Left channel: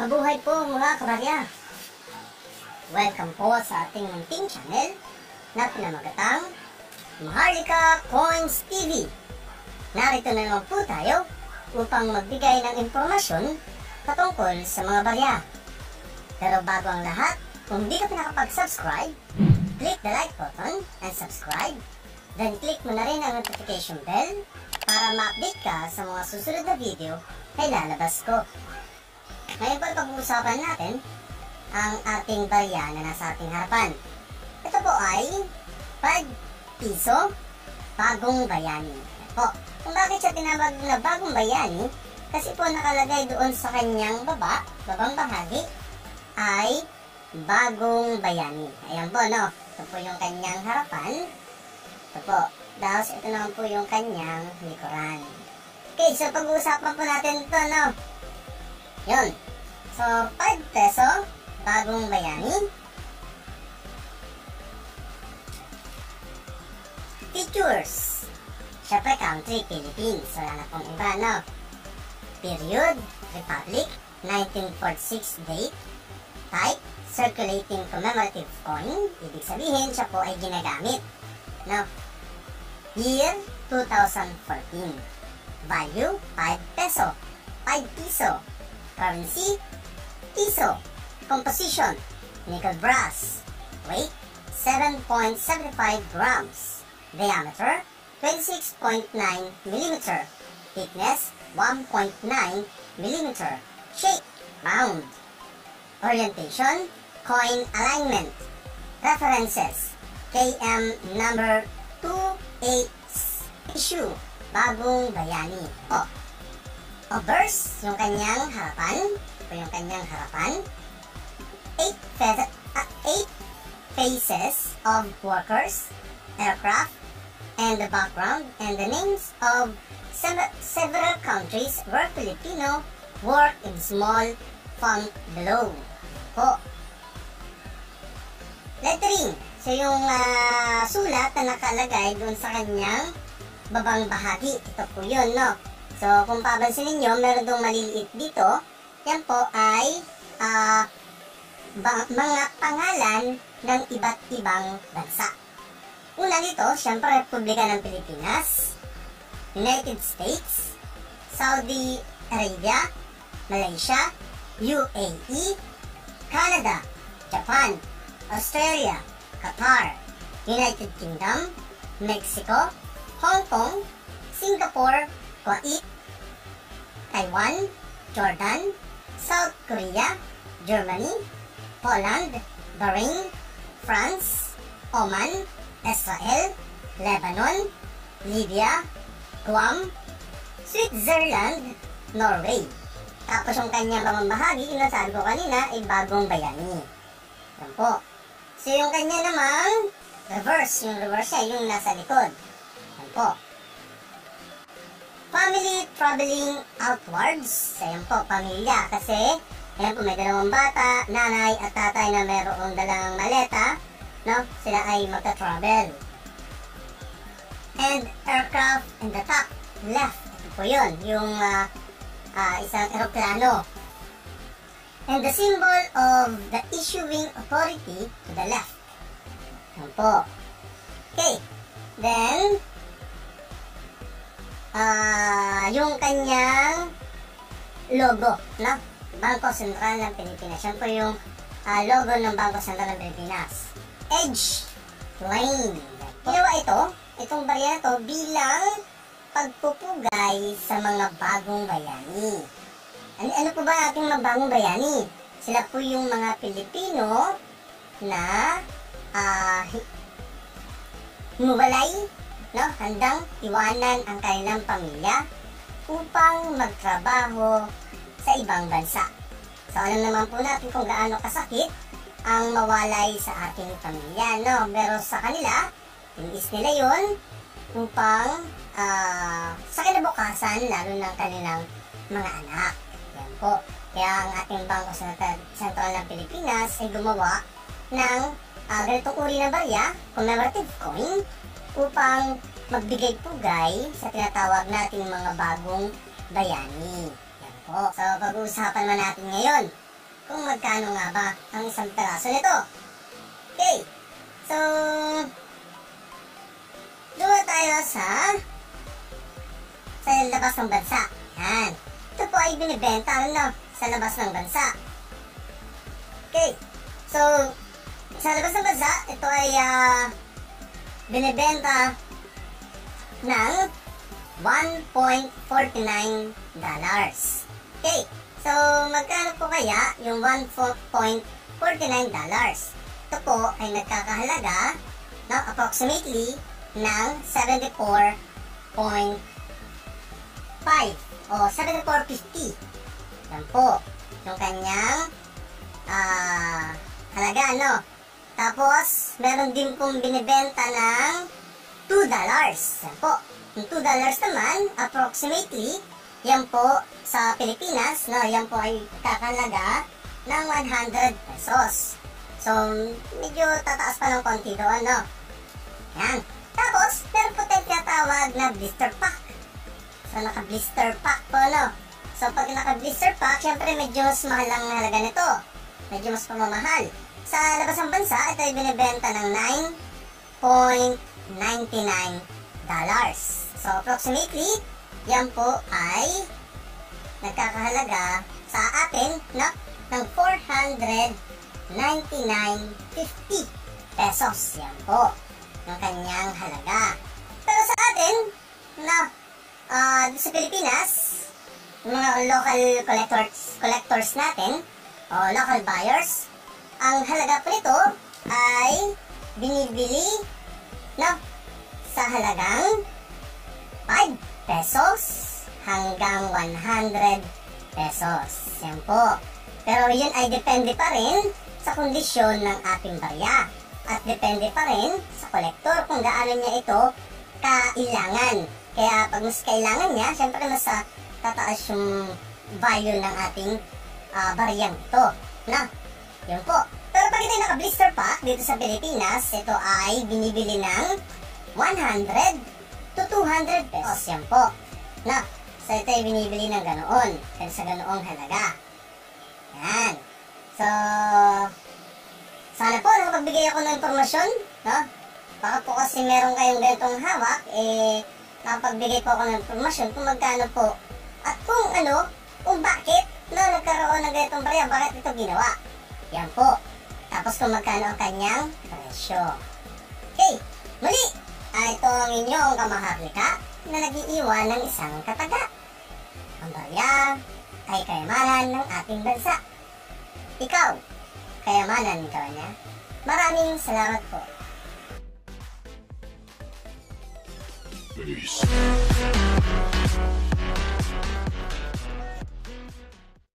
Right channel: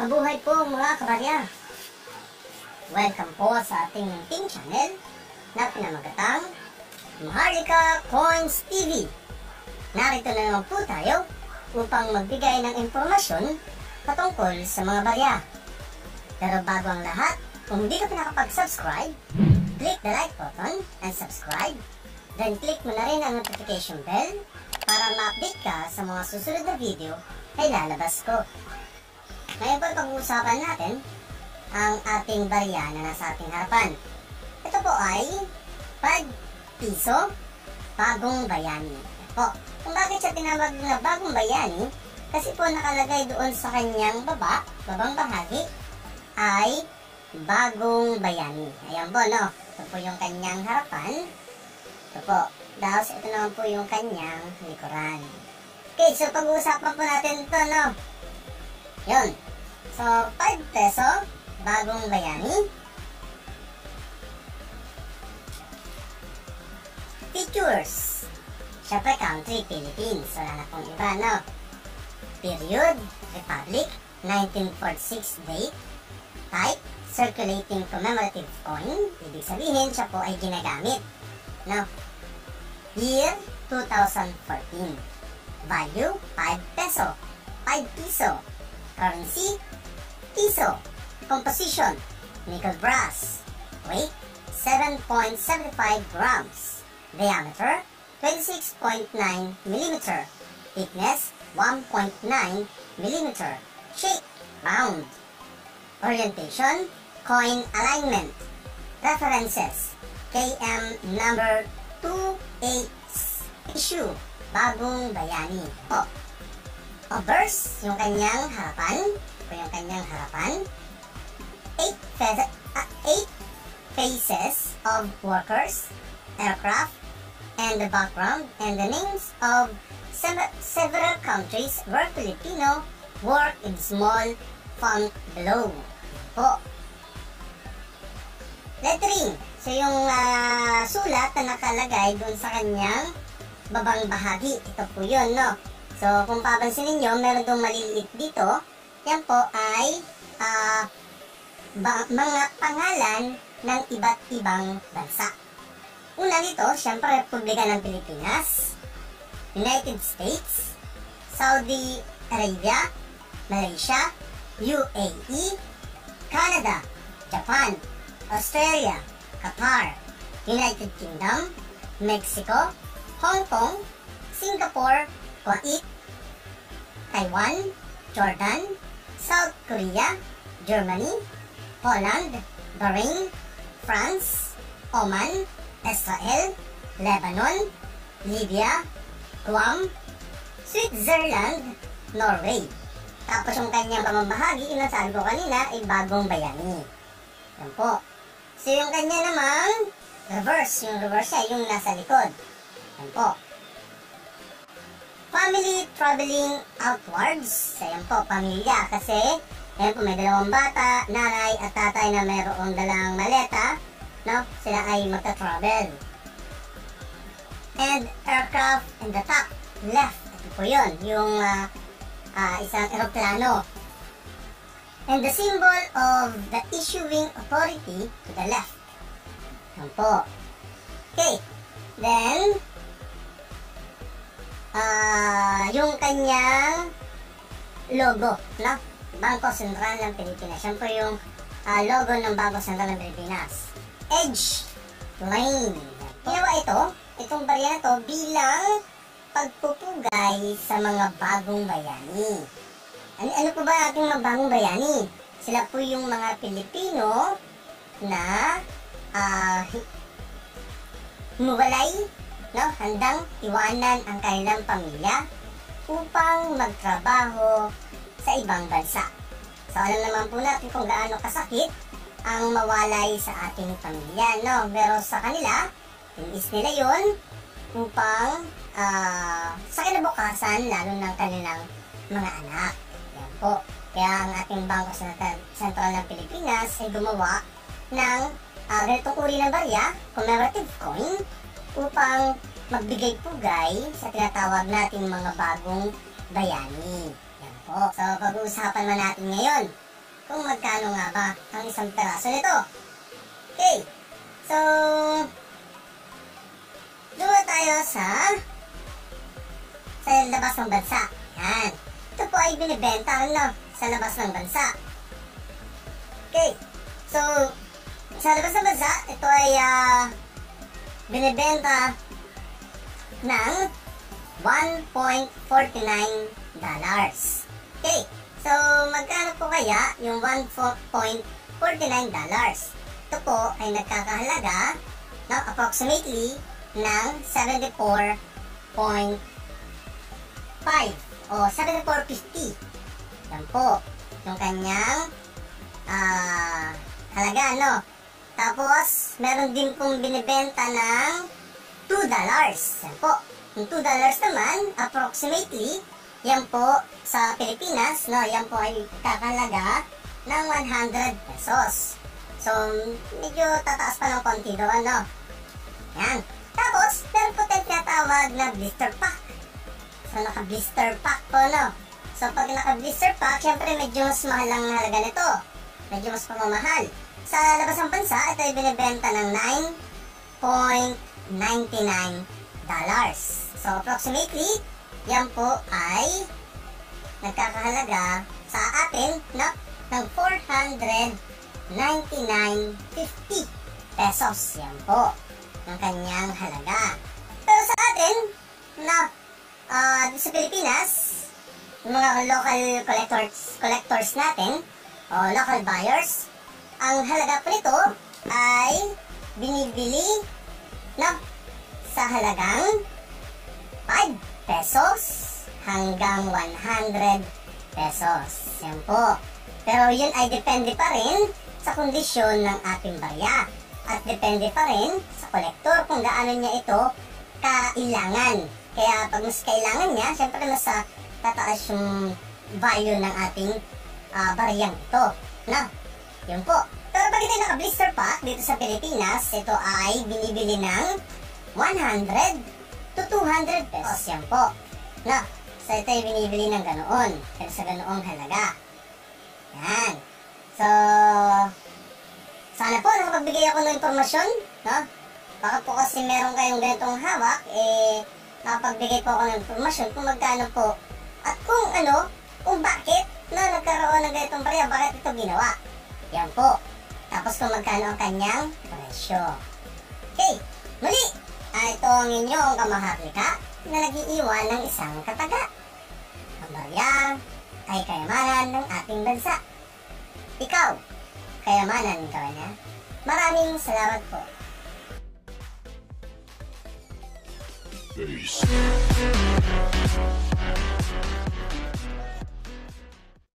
Mabuhay po mga kabarya! Welcome po sa ating munting channel na pinamagatang Maharlika Coins TV. Narito na naman po tayo upang magbigay ng impormasyon patungkol sa mga barya. Pero bago ang lahat, kung hindi ka pa nakapag-subscribe, click the like button and subscribe. Then click mo na rin ang notification bell para ma-update ka sa mga susunod na video na ilalabas ko. Ngayon po pag-uusapan natin ang ating barya na nasa ating harapan. Ito po ay 5 piso bagong bayani. Po, kung bakit siya tinawag na bagong bayani, kasi po nakalagay doon sa kanyang babang bahagi ay bagong bayani. Ayan po, no? Ito po yung kanyang harapan. Ito po. Tapos ito naman po yung kanyang likuran. Okay, so pag-uusapan po natin ito, no? Yun. So, 5 peso, bagong bayani. Features. Siyempre, country, Philippines. Wala na pong iba, no? Period, Republic, 1946 date. Type, circulating commemorative coin. Ibig sabihin, siya po ay ginagamit. No? Year, 2014. Value, 5 peso. 5 piso. Currency, piso. Composition, nickel brass. Weight, 7.75 grams. Diameter, 26.9 mm. Thickness, 1.9 mm. Shape, round. Orientation, coin alignment. References, KM number 28. Issue, bagong bayani. Obverse, yung kanyang harapan. Ito yung kanyang harapan. 8 faces of workers, aircraft, and the background, and the names of several countries where Filipino work in small font below. Po. Lettering. So yung sulat na nakalagay doon sa kanyang babang bahagi. Ito po yun, no? So kung papansin ninyo, meron dong maliliit dito. Yan po ay mga pangalan ng iba't ibang bansa. Una dito, siyempre, Republika ng Pilipinas, United States, Saudi Arabia, Malaysia, UAE, Canada, Japan, Australia, Qatar, United Kingdom, Mexico, Hong Kong, Singapore, Kuwait, Taiwan, Jordan, South Korea, Germany, Poland, Bahrain, France, Oman, Israel, Lebanon, Libya, Guam, Switzerland, Norway. Tapos yung kanyang pamamahagi, yung nasabi ko kanina, ay bagong bayani. Yan po. So yung kanya namang reverse, yung reverse niya, yung nasa likod. Yan po. Family traveling outwards. So yan po, pamilya. Kasi, ayan po, may dalawang bata, nanay at tatay na mayroong dalang maleta. No? Sila ay magta-travel. And aircraft in the top left. Ito po yun, yung isang eroplano. And the symbol of the issuing authority to the left. Yan po. Okay. Then, yung kanyang logo, no? Bangko Sentral ng Pilipinas. Yan po yung logo ng Bangko Sentral ng Pilipinas. Edge Lane. Ginawa itong barya na to bilang pagpupugay sa mga bagong bayani. Ano po ba ating mga bagong bayani? Sila po yung mga Pilipino na humiwalay, no? Handang iwanan ang kanilang pamilya upang magtrabaho sa ibang bansa. So alam naman po natin kung gaano kasakit ang mawalay sa ating pamilya, no? Pero sa kanila, tinis nila yun upang sa kinabukasan, lalo ng kanilang mga anak. Yan po. Kaya ang ating Bangko Sentral ng Pilipinas ay gumawa ng ganitong uri ng barya, commemorative coin, upang magbigay pugay sa tinatawag nating mga bagong bayani. Yan po. So, pag-uusapan naman natin ngayon kung magkano nga ba ang isang peraso nito. Okay, so doon tayo sa labas ng bansa. Yan. Ito po ay binibenta sa labas ng bansa. Okay, so sa labas ng bansa, ito ay binibenta ng $1.49. Okay, so magkano po kaya yung $1.49? Ito po ay nagkakahalaga ng approximately ng 74.5 o 74.50. Yan po yung kanyang halaga, no? Tapos meron din pong binibenta ng $2. Yan po. Yung $2 naman, approximately, yan po sa Pilipinas, no? Yan po ay kakalaga ng 100 pesos. So, medyo tataas pa ng konti doon, no? Yan. Tapos, meron po tayong tinatawag na blister pack. So, naka-blister pack po, no? So, pag naka-blister pack, syempre medyo mas mahal ang halaga nito. Medyo mas pamamahal. Sa labas ng bansa, ito ay binibenta ng $9.99. So, approximately, yan po ay nagkakahalaga sa atin ng 499.50 pesos. Yan po yung kanyang halaga. Pero sa atin, sa Pilipinas, yung mga local collectors natin, o local buyers, ang halaga po nito ay binibili sa halagang 5 pesos hanggang 100 pesos. Yan po. Pero yun ay depende pa rin sa kondisyon ng ating barya. At depende pa rin sa kolektor kung gaano niya ito kailangan. Kaya pag mas kailangan niya, syempre mas tataas yung value ng ating baryang ito. Yun po. Pero pag ito naka-blister pack dito sa Pilipinas, ito ay binibili ng 100 to 200 pesos. Yan po. So ito ay binibili ng ganoon. Pero sa ganoong halaga. Yan. So, sana po nakapagbigay ako ng impormasyon, no? Baka po kasi meron kayong ganitong hawak, nakapagbigay po ako ng impormasyon kung magkano po. At kung bakit nagkaroon ng ganitong barya, bakit ito ginawa. Yan po. Tapos kung magkano ang kanyang presyo. Okay, muli, ito ang inyong kamaharlika na nag-iiwan ng isang kataga. Ang barya ay kayamanan ng ating bansa. Ikaw, kayamanan ka ba niya? Maraming salamat po. Peace.